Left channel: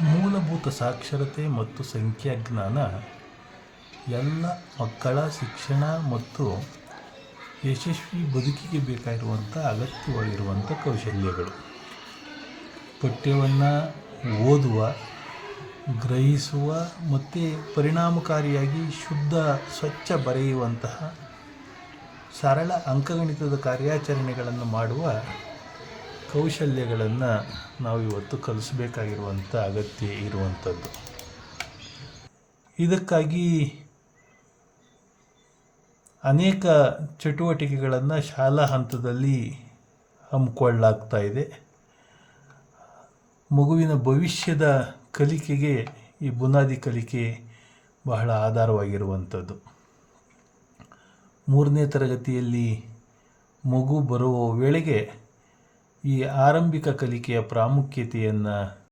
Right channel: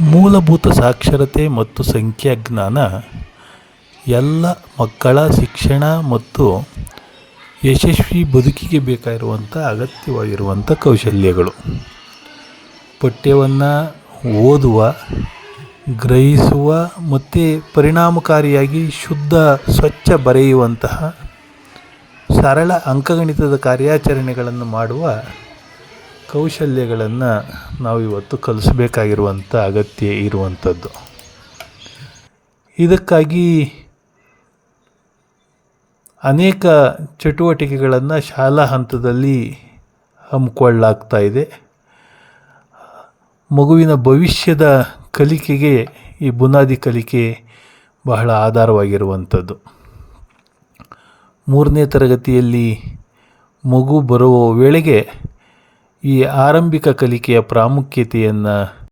ಮೂಲಭೂತ ಸಾಕ್ಷರತೆ ಮತ್ತು ಸಂಖ್ಯಾಜ್ಞಾನ ಎಲ್ಲ ಮಕ್ಕಳ ಶಿಕ್ಷಣ ಮತ್ತು ಯಶಸ್ವಿ ಬದುಕಿಗೆ ಬೇಕಾಗಿರುವಂಥ ಅಗತ್ಯವಾಗಿರುವಂಥ ಕೌಶಲ್ಯಗಳು. ಪಠ್ಯವನ್ನು ಓದುವ, ಗ್ರಹಿಸುವ ಮತ್ತು ಪರಿಣಾಮಕಾರಿಯಾಗಿ ಶುದ್ಧ, ಸ್ವಚ್ಛ ಬರೆಯುವಂತಹ ಸರಳ ಅಂಕಗಣಿತದ ಕಾರ್ಯಾಚರಣೆಗಳನ್ನು ಮಾಡುವ ಕೌಶಲ್ಯಗಳನ್ನು ನಾವು ಇವತ್ತು ಕಲಿಸ್ಬೇಕಾಗಿರುವಂಥ ಅಗತ್ಯ ಇರುವಂಥದ್ದು. ಇದಕ್ಕಾಗಿ ಅನೇಕ ಚಟುವಟಿಕೆಗಳನ್ನು ಶಾಲಾ ಹಂತದಲ್ಲಿ ಹಮ್ಮಿಕೊಳ್ಳಲಾಗ್ತಾ ಇದೆ. ಮಗುವಿನ ಭವಿಷ್ಯದ ಕಲಿಕೆಗೆ ಈ ಬುನಾದಿ ಕಲಿಕೆ ಬಹಳ ಆಧಾರವಾಗಿರುವಂಥದ್ದು. ಮೂರನೇ ತರಗತಿಯಲ್ಲಿ ಮಗು ಬರುವ ವೇಳೆಗೆ ಈ ಆರಂಭಿಕ ಕಲಿಕೆಯ ಪ್ರಾಮುಖ್ಯತೆಯನ್ನು